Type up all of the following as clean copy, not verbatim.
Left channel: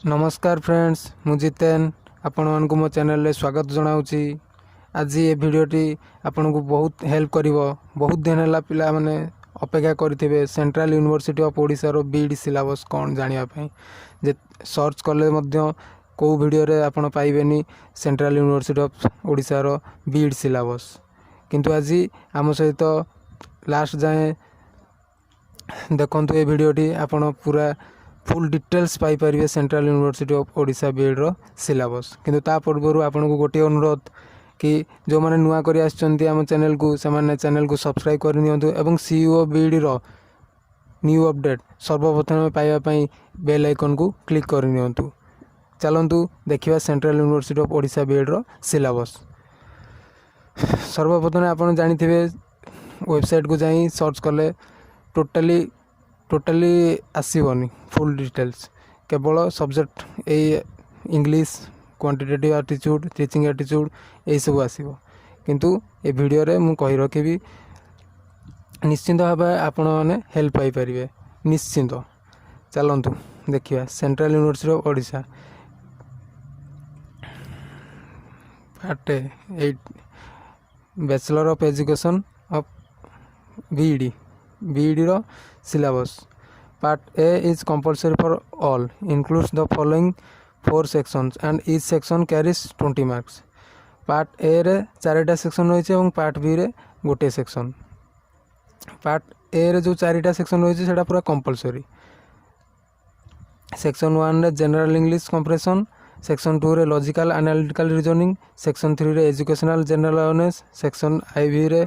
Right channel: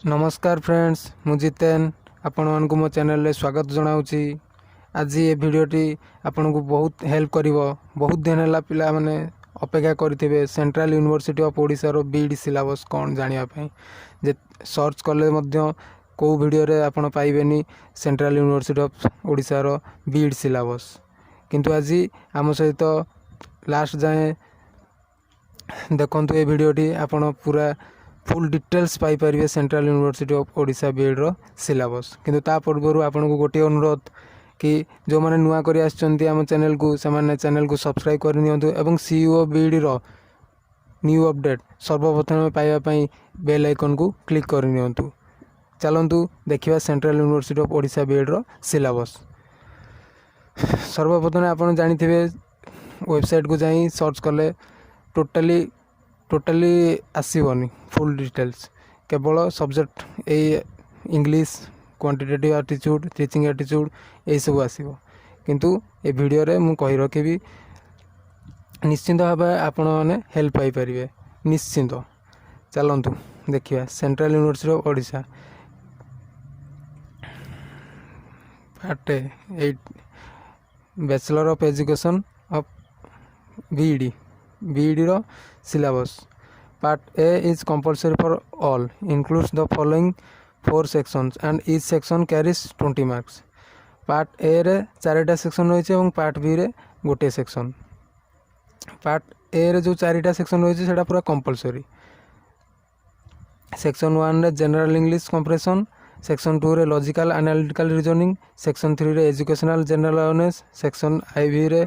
नमस्कार फ्रेंड्स, मु जितेन आपण मानक मो चैनल रे स्वागत जनाऊँगी। आज ये वीडियोटी आपन को बहुत हेल्प करिवो। बहुत दिन है पिला माने अपेक्षा करथिबे सेंट्रल यूनिवर्सिटी ऑफ ओडिशा रो बीईडी सिलेबस कोन जानिया पई। जे सर्च कले मध्य को वीडियो रे आपण पाइबेनी सेंट्रल यूनिवर्सिटी ऑफ ओडिशा रो बीईडी सिलेबस, किंतु आज आम सहित लास्ट जाए देखंतु ये वीडियोटी आपण पूरा फुल डिटेल्स पाई परिवे central university of Odisha BEd रो सिलेबस। किंतु ता पूर्व आपन को गोटे अनुरोध कि जो माने नुआ करी आछंती हम चैनल को समान चैनल को सब्सक्राइब कर नियंतु एवं सीईओ बीईडी रो न्यू अपडेट सर्वप्रथम पाइबा पई बेल आइकन को क्लिक कर नियंतु। चलंतु देखिबा central university of Odisha BEd रो सिलेबस। सर्वप्रथम आपन जानिथिबे वेबसाइट को जाई सर्च कले टोटली आसीबनी फुल डिटेल्स, केवल सब्जेक्ट ए English quantitative aptitude teaching aptitude ये सब आसीबो। किंतु ए वीडियो रे मु कहि रखिबी निश्चिंत भाव आपण माने हेल्प पाई परिवे निश्चिंत। चलंतु देखिया central university of Odisha part 8 bachelor of education of BEd रो syllabus. Part A is compulsory for all, includes the following 4 sections and each section carries 20 marks. Part A रे 4टा सेक्शन रही है, पार्ट बी रे गोटे section. Part A रे जो 4टा section रही है पूरा कंपलसरी। सेक्शन 1 रे जनरल इंग्लिश कंप्रेशन, सेक्शन 2 रे लॉजिकल एनालिटिकल रीजनिंग, सेक्शन 3 रे educational general awareness, section IV रे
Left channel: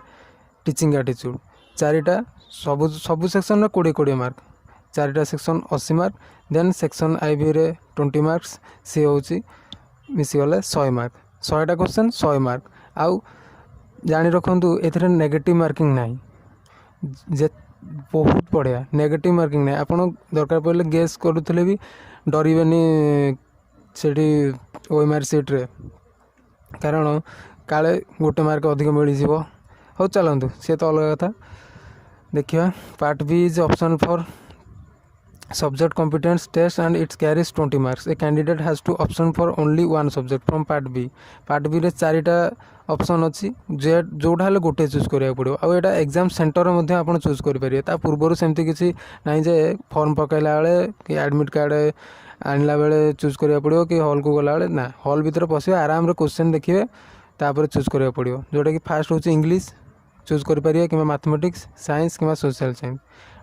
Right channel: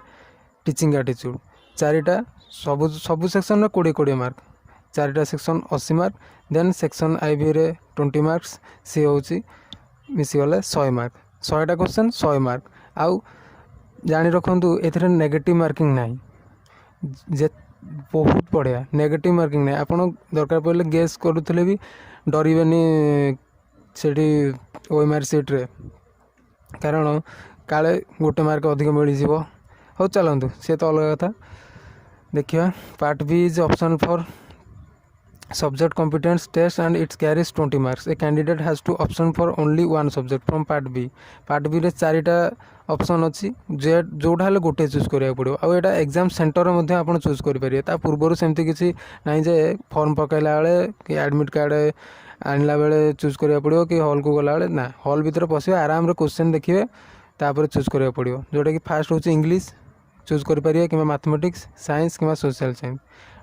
टीचिंग एटीट्यूड। 4टा सबु सेक्शन रे 20 मार्क, 4टा section 80 mark, then section IV रे 20 मार्क्स सी होची मिसी गले 100 मार्क। 100टा question 100 mark. आउ जानि रखंतु एथरे नेगेटिव मार्किंग नाही, जे बहुत बढ़िया नेगेटिव मार्किंग नाही। आपण दरकार पड़ले गेस करूथले भी डरिबेनी सेठी ओएमआर सीट रे, कारण काले गोटे मार्क अधिक मिली जिवो। हो चलंतु से तो अलग कथा देखिए। Part B is option for subject competence test and it carries 20 marks. A candidate has to option for only one subject from part B. part B रे 4टा ऑप्शन अच्छी जोटा हेले गोटे चूज करिया पड़ो। आ एटा एग्जाम सेंटर मध्ये आपण चूज करि परिए। ता पूर्वरु सेमति किछि नाही जे फॉर्म पकाइला बेले कि एडमिट कार्ड आनला बेले चूज करिया पड़ो कि हॉल को गला बेले ना, हॉल भीतर पसिए आराम रे क्वेश्चन देखिए तापर चूज करिया पड़ो। जोटा कि फास्ट होची इंग्लिश चूज करि परिए कि मैथमेटिक्स साइंस कि social science.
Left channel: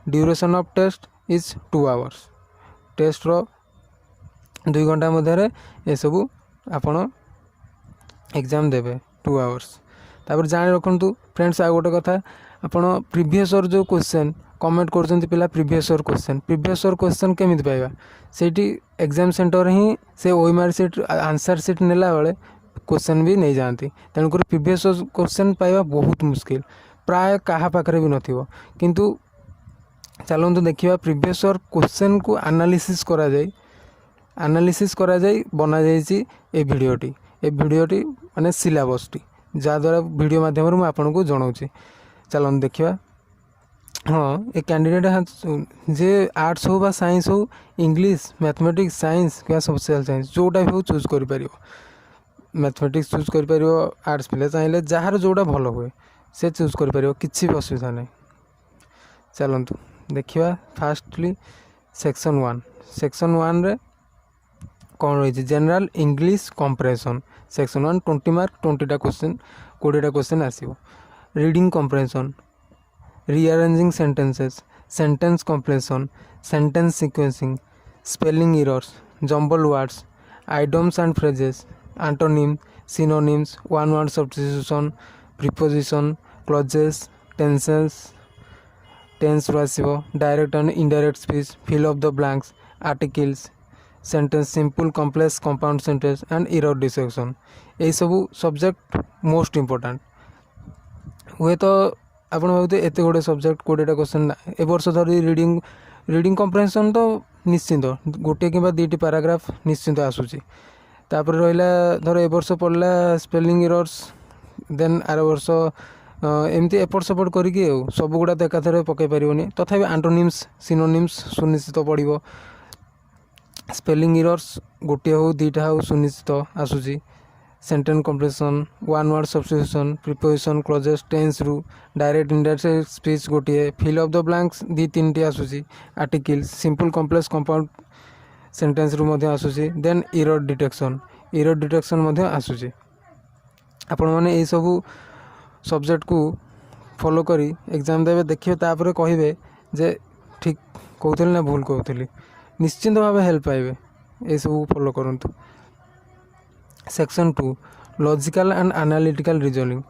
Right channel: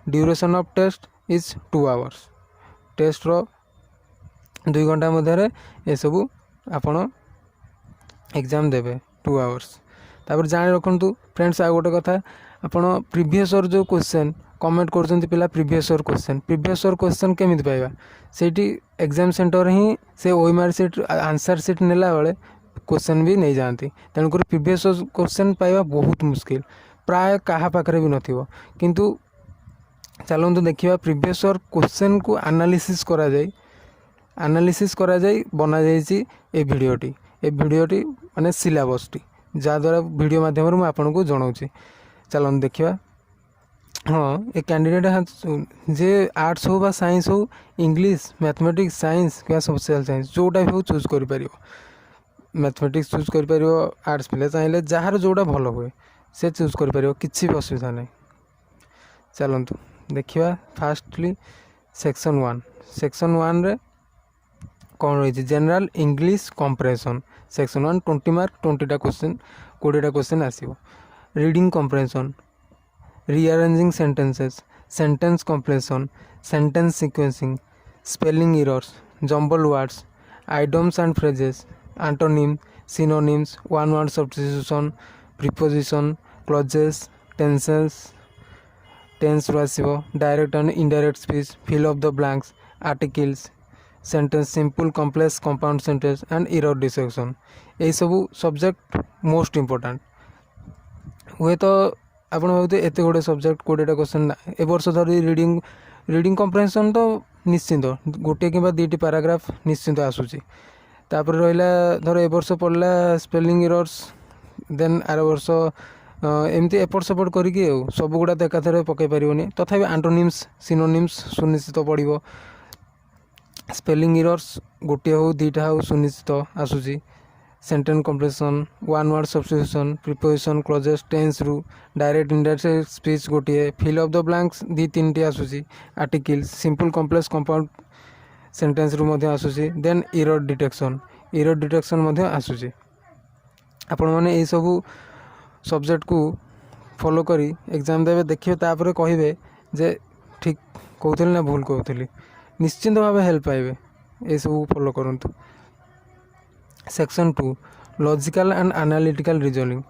Duration of test is 2 hours. Test रो 2 घंटा मध्य ये सब आपण एग्जाम देबे 2 आवर्स। तापर जानि रखंतु फ्रेंड्स आ गोटे कथा, आपण प्रीवियस ईयर जो क्वेश्चन कमेंट करछंती पिला प्रीवियस ईयर क्वेश्चन केमिति पाइबा, सेठी एग्जाम सेंटर ही से ओएमआर सीट आंसर सीट नेला बेले क्वेश्चन भी नहीं जाती। तेणुकर प्रीवियस ईयर क्वेश्चन पाइबा बहुत मुश्किल, प्राय कहा पाखरे भी नथिबो। किंतु चलते देखिए प्रीवियस ईयर क्वेश्चन को एनालिसिस करा जाए बना जाइए ए वीडियोटी माने सिलेबस टी, जहाँद्वारा वीडियो माध्यम मैं आपन को जनाऊँगी। चलते देखिए। हाँ, ए कैंडिडेट जे आर्ट्स हो बा साइंस हो, इंग्लिश मैथमेटिक्स साइंस क्या सोशल साइंस जोटा भी हो चूज कर पारियो। मैथमेटिक्स चूज कर पारियो, आर्ट्स पिला चाहिए जार जोटा भल हुए से चूज कर पारियो, किछि भी असुविधा नहीं। चलतु देखिए फास्टली सेक्शन 1 रे कौन रही general English comprehension. Section 1 20 mark, 20टा क्वेश्चन आसीबो। Reading comprehension, rearranging sentences, sentence completion, sentence sequencing, spelling errors, jumble words, idioms and phrases, antonym synonyms, one word substitution, preposition, clauses, tense आसीबो। Direct and indirect speech, fill of the blanks, articles, sentence simple complex compound sentence and error detection. ये सब subject most important हुए तो आप भावते एत गोटे subject 20टा question ना। ए वर्ष धरी रीडिंग कंप्रेहेंशन तो निश्चिंत गोटे कि 2टी पैराग्राफ निश्चिंत आसूची। तापर रहा धर ए वर्ष पढ़ला स्पेलिंग एरर्स, देन आर वर्ष एमती एपट सपोर्ट करके सब गुड़ा एकाथरे पकई पारनी। तथापि आंटोनिम्स सिनोनिम्स सुनिश्चित पड़ो। स्पेलिंग इरर्स गोटे हो दुईटा हो सुनिश्चित आसूसी sentence completion one word substitution preposition clauses tense रु डायरेक्ट इनडायरेक्ट स्पीच गोटे फिल अप द ब्लैंक्स दी तीन टी आसूसी articles simple complex compound sentence रु मध्य आसूसी देन इरर डिटेक्शन मध्य आसूसी आपण माने ए सब सब्जेक्ट को फॉलो करी एग्जाम देवे देखिए तापर कहिबे जे ठीक कहूली ना भूल कहूली निश्चिंत भाव हेल्प पाइबे ये सब फॉलो करंतु। Section 2 logical and analytical reasoning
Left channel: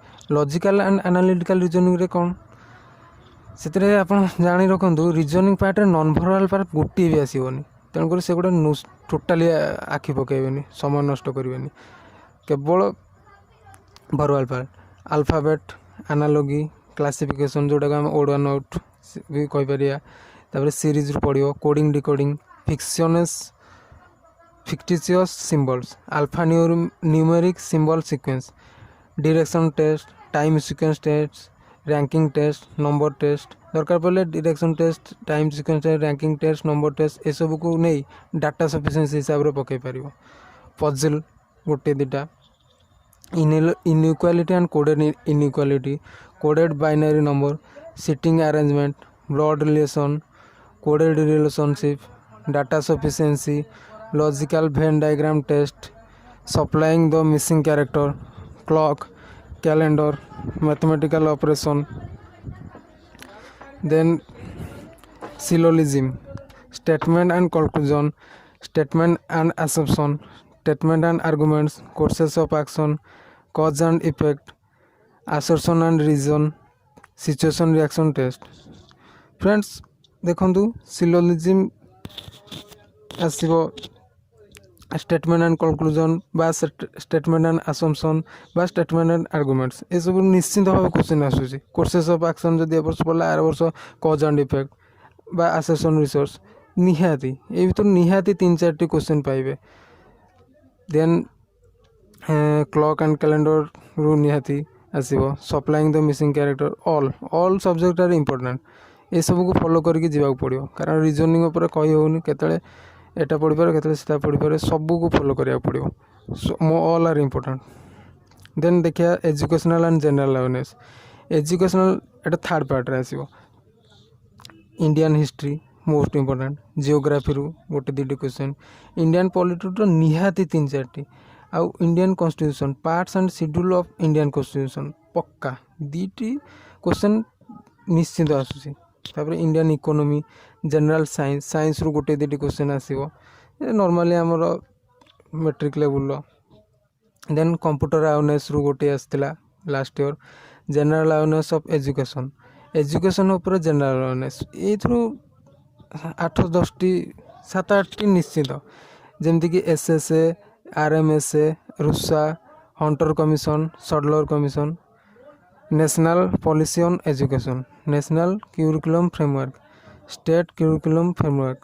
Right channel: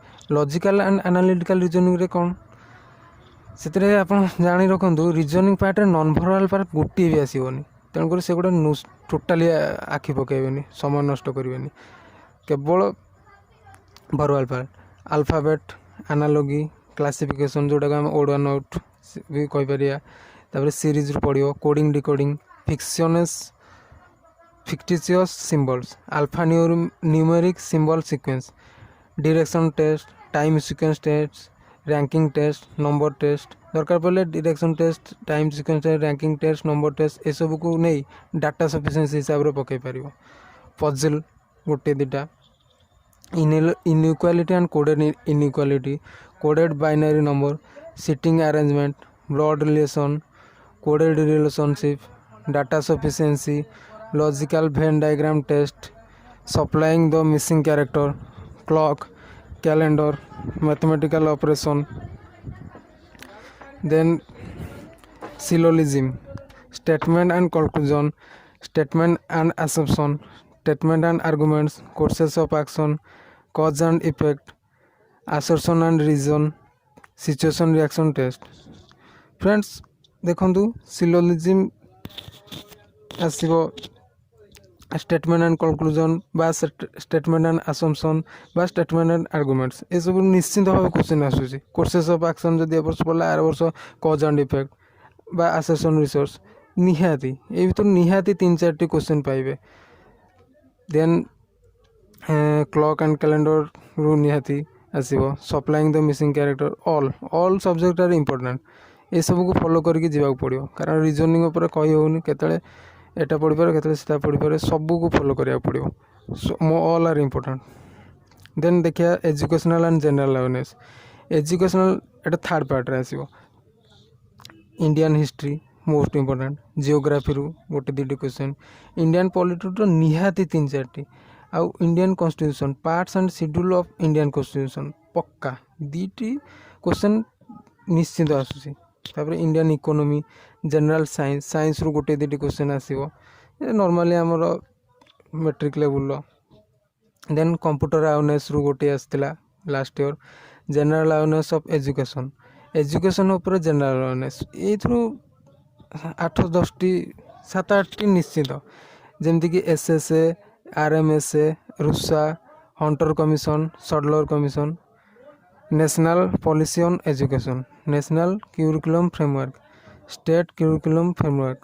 रे कौन से आप जानी रखु reasoning part non verbal part गोटे भी आसबनी तेणुक से गोटे टोटाली आखि पकड़े समय नष्ट करें केवल verbal part alphabet analogy classification जोटा आम ओड वन आउट भी कहीपर सीरीज पढ़ो coding decoding fictitious symbols alpha numeric symbol sequence direction test time sequence tests ranking test number test दरकार पड़े direction test time sequence test ranking test number test ये सब को नहीं डाटा सफिशिएंसी हिसाब से पकई पार पजल गोटे दुटा inequality and coded inequality coded binary number seating arrangement blood relation coded relationship data sufficiency logical Venn diagram test supplying the missing character clock calendar mathematical operation then syllogism statement and conclusion statement and assumption statement and arguments courses of action cause and effect assertion and reason situation reaction test friends देखंतु syllogism आसीबो statement and conclusion बा statement and assumption बा statement and arguments ये सब निश्चित भाव question आसूसी courses of action जदि ए वर्ष पढ़ला आर वर्ष कॉज एंड इफेक्ट बा असर्शन रिसोर्स निहाती ये भीतर निहाती 3-4 क्वेश्चन पाइबे देन क्लॉक एंड कैलेंडर रु निहाती आसीबो supplying the missing character all subject are important ये सब को फॉलो करके जीवा पड़ो कारण रीजनिंग उपर कही होनी केतले एटा पढ़ी पारे केतले सेटा पढ़ी पारे सब को फॉलो करिया पड़ो ऑल आर इंपोर्टेंट देन देखिया educational and general awareness educational एटा थर्ड पार्ट रे आसीबो Indian history most important geography रु गोटे 2 क्वेश्चन इंडियन पॉलिटी तो निहाती 3-4 आउ Indian constitution parts and schedule of Indian constitution पक्का 2 क्वेश्चन निश्चित आसूसी तापर इंडियन इकोनॉमी जनरल साइंस रु गोटे 2 क्वेश्चन आसीबो नॉर्मली हमर matric level then computer awareness रु गोटे आस्तिला last year general awareness of education ऊपर जनरल अवेयरनेस एथ्रु 8-10 7-8 निश्चित जेमती कि SSA RMSA RUSA Hunter commission Sadler commission national policy on education national curriculum framework state curriculum framework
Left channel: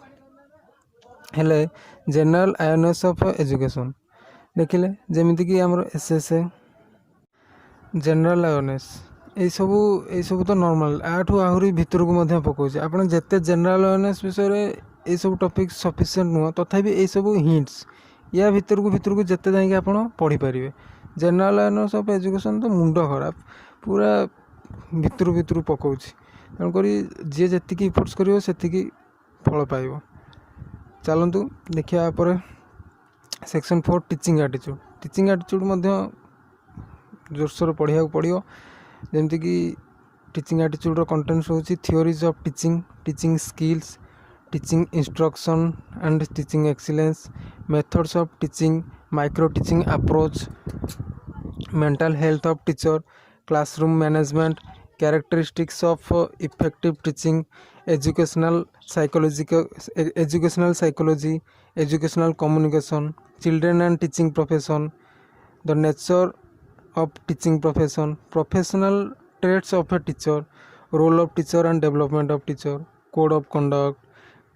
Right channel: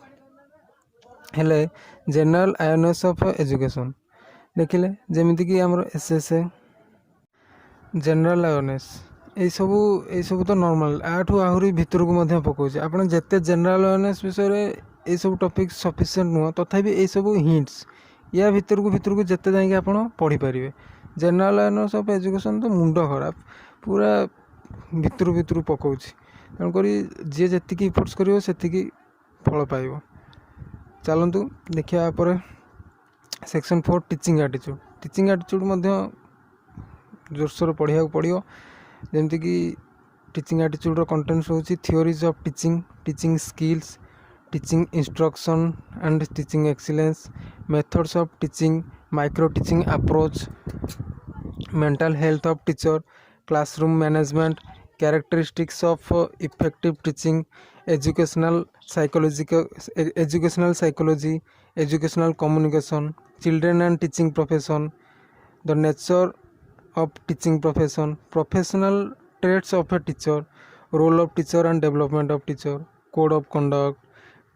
हेले जनरल अवेयरनेस ऑफ एजुकेशन देखिले जेमिति कि हमर एसएसए जनरल अवेयरनेस ये सब तो नॉर्मल आठू आहरी भितर को मध्य पकाउछ आपण जत्ते जनरल अवेयरनेस विषय रे ये सब टॉपिक सफिशिएंट नुह तथापि ये सब हिंट्स या भितर को जत्ते जाई आपण पढ़ी परिबे जनरल अवेयरनेस ऑफ एजुकेशन तो मुंड खराब पूरा भितर पकाउछ तेणुक जी जी इफोर्ट्स करिवो सेतिकी फल पाइबो चलतु देखिया पर सेक्शन 4 टीचिंग एटीट्यूड मध्य जोरसोर पढ़िया पड़ो जमती कि टीचिंग एटीट्यूड कंटेंट्स होची theories of teaching skills teaching instruction and teaching excellence methods of teaching micro teaching approach mental health of teacher classroom management characteristics of effective teaching educational psychology educational communication children and teaching profession the nature of teaching professional traits of a teacher role of teacher and development of teacher code of conduct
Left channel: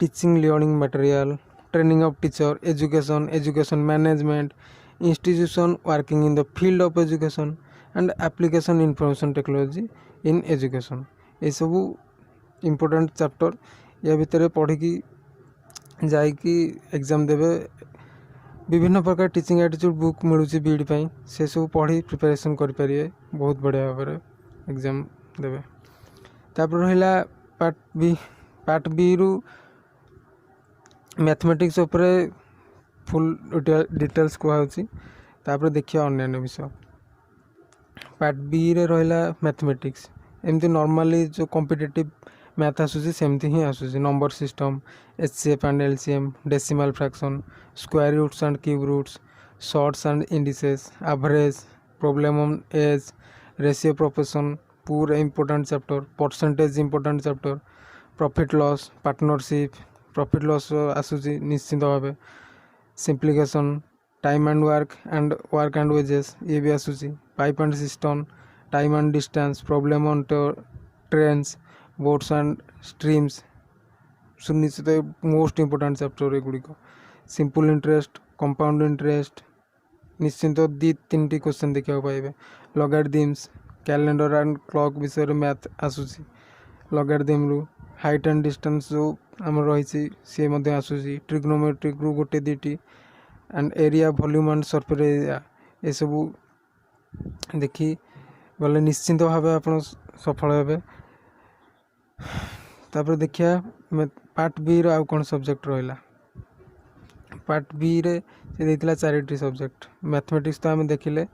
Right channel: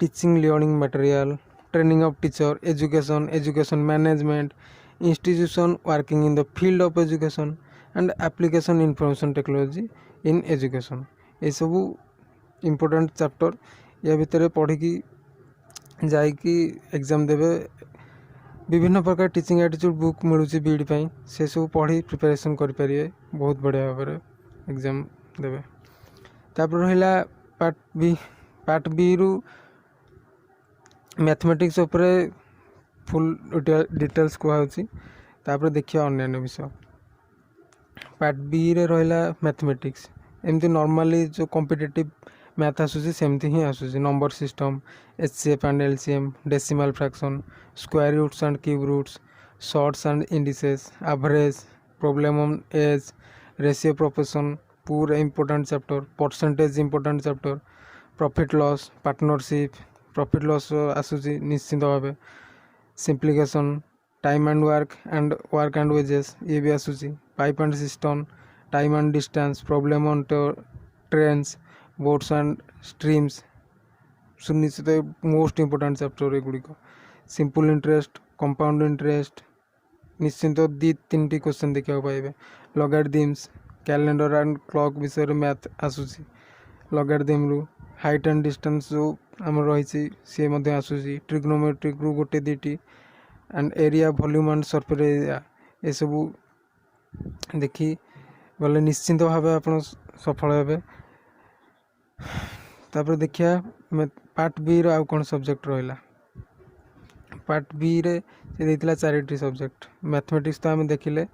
teaching learning material training of teacher education management institution working in the field of education and application information technology in education ये सब important chapter या भितर पढ़ी ଯାଇକି exam देवे विभिन्न प्रकार teaching attitude book मिलूँ बीईडी से सब पढ़ी प्रिपरेशन करें बहुत बढ़िया भाव में एग्जाम देवे। तापर रहा पार्ट बी रु मैथमेटिक्स उपरे फुल डिटेल्स कहूँ। तापर देखिए अन्य विषय पार्ट बी रे रहा मैथमेटिक्स एमती नॉर्मली जो कॉम्पिटिटिव मैथ आसूसी सेमती ही आसूसी number system HCF and LCM decimal fraction square roots and cube roots surds and indices average problem on age ratio proportion पूरा important chapter percentage important chapter profit loss partnership profit loss आसूसी निश्चिंत भाव simplification time and work and wages ये भी आसूसी pipe and cistern time and distance problem on trains boats and streams सुनिश्चित most important chapter एगुड़िक simple interest compound interest निश्चिंत दी तीन क्वेश्चन देखा पाइबे लॉगरिथम्स कैलेंडर एंड क्लॉक विषय मैथ आसूसी लॉगरिथम रु हाइट एंड डिस्टेंस जो आम रही सी आसूसी ट्रिग्नोमेट्रिक रु गोटे दीटी and area volume and surface area ये सब देखी गले निश्चिंत भाव आप सफल हे। तापर देखिया पार्ट बी रो आउ कौन सब्जेक्ट रहा पार्ट बी रे से देइतिला चारिटी सब्जेक्ट मैथमेटिक्स तो आम देखिले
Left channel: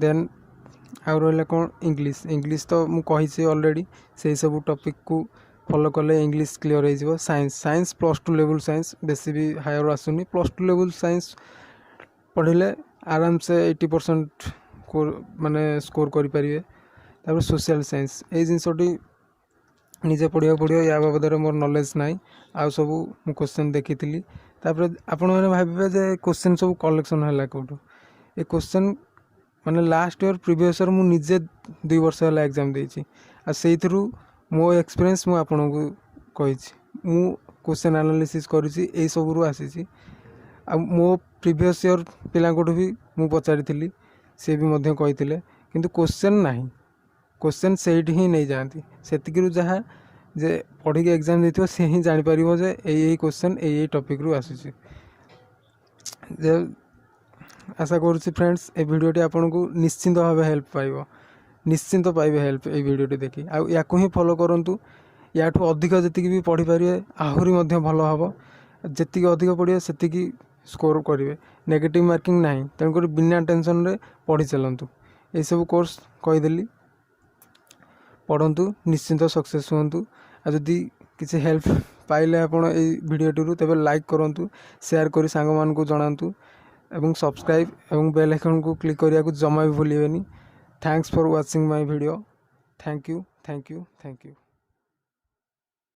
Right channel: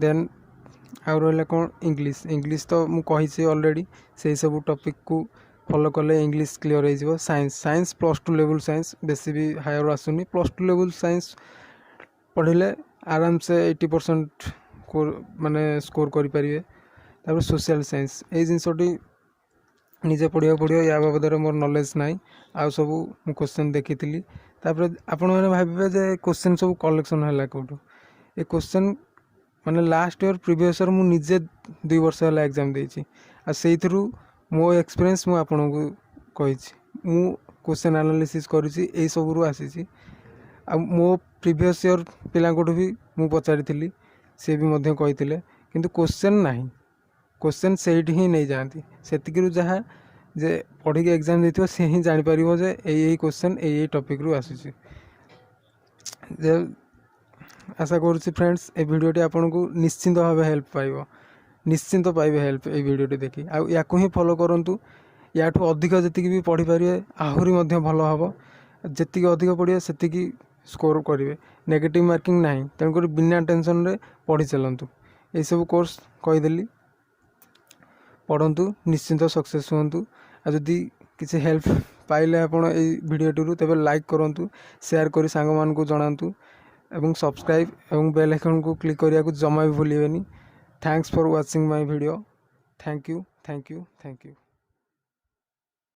देन आउ रहा कौन इंग्लिश तो मु कही ऑलरेडी से सब टॉपिक को फॉलो कले इंग्लिश क्लियर हो साइंस +2 लेवल साइंस बेसी भी हायर आसुनी +2 लेवल साइंस पढ़ले आराम से 80% माने स्कोर करें। तापर सोशल साइंस ये जिनसटी निजे पढ़ा पड़ो या बाबद मोर नॉलेज ना आउ सब मु क्वेश्चन देखी तापर आपण मैंने भावे जे क्वेश्चन सब कलेक्शन है कौटू ये क्वेश्चन माने लास्ट ईयर प्रीवियस ईयर मुझे 2 वर्ष है एग्जाम देती से मो एक्सपीरियंस मु आपन को कही मु क्वेश्चन एनालिसिस करी सब रु आसी मो प्रीवियस ईयर पिला भी मु पचारि सी भी कही किंतु क्वेश्चन नहीं क्वेश्चन से ही नहीं जाती से जहाँ जे पढ़ी एग्जाम देती सी ही जापर जे यही क्वेश्चन यही टॉपिक रु आसूसी। आशा करुँची फ्रेंड्स ए वीडियोटी आपन को निश्चिंत भाव हेल्प पाइब निश्चिंत पाइबे हेल्प ये वीडियोटी देखी या ही फॉलो करूँ या अधिक जी भी पढ़ी पारे आहरी भल हम जी अधिक पढ़े से स्कोर करेंगे नेगेटिव मार्किंग ना तेणुक बिना टेंशन रे पढ़ी चलतु ये सब कोर्स कहीदेली पढ़ु निश्चिंत सक्सेस हूँ जदि किसी हेल्प पाइले आप भिडियोटी तेज लाइक करूँ शेयर कर सांग मान को जनातु एवं सब्सक्राइब एवं बेल आइकन को क्लिक करिया को जमा भी भूलिएनि। Thanks for watching my video. Thank you.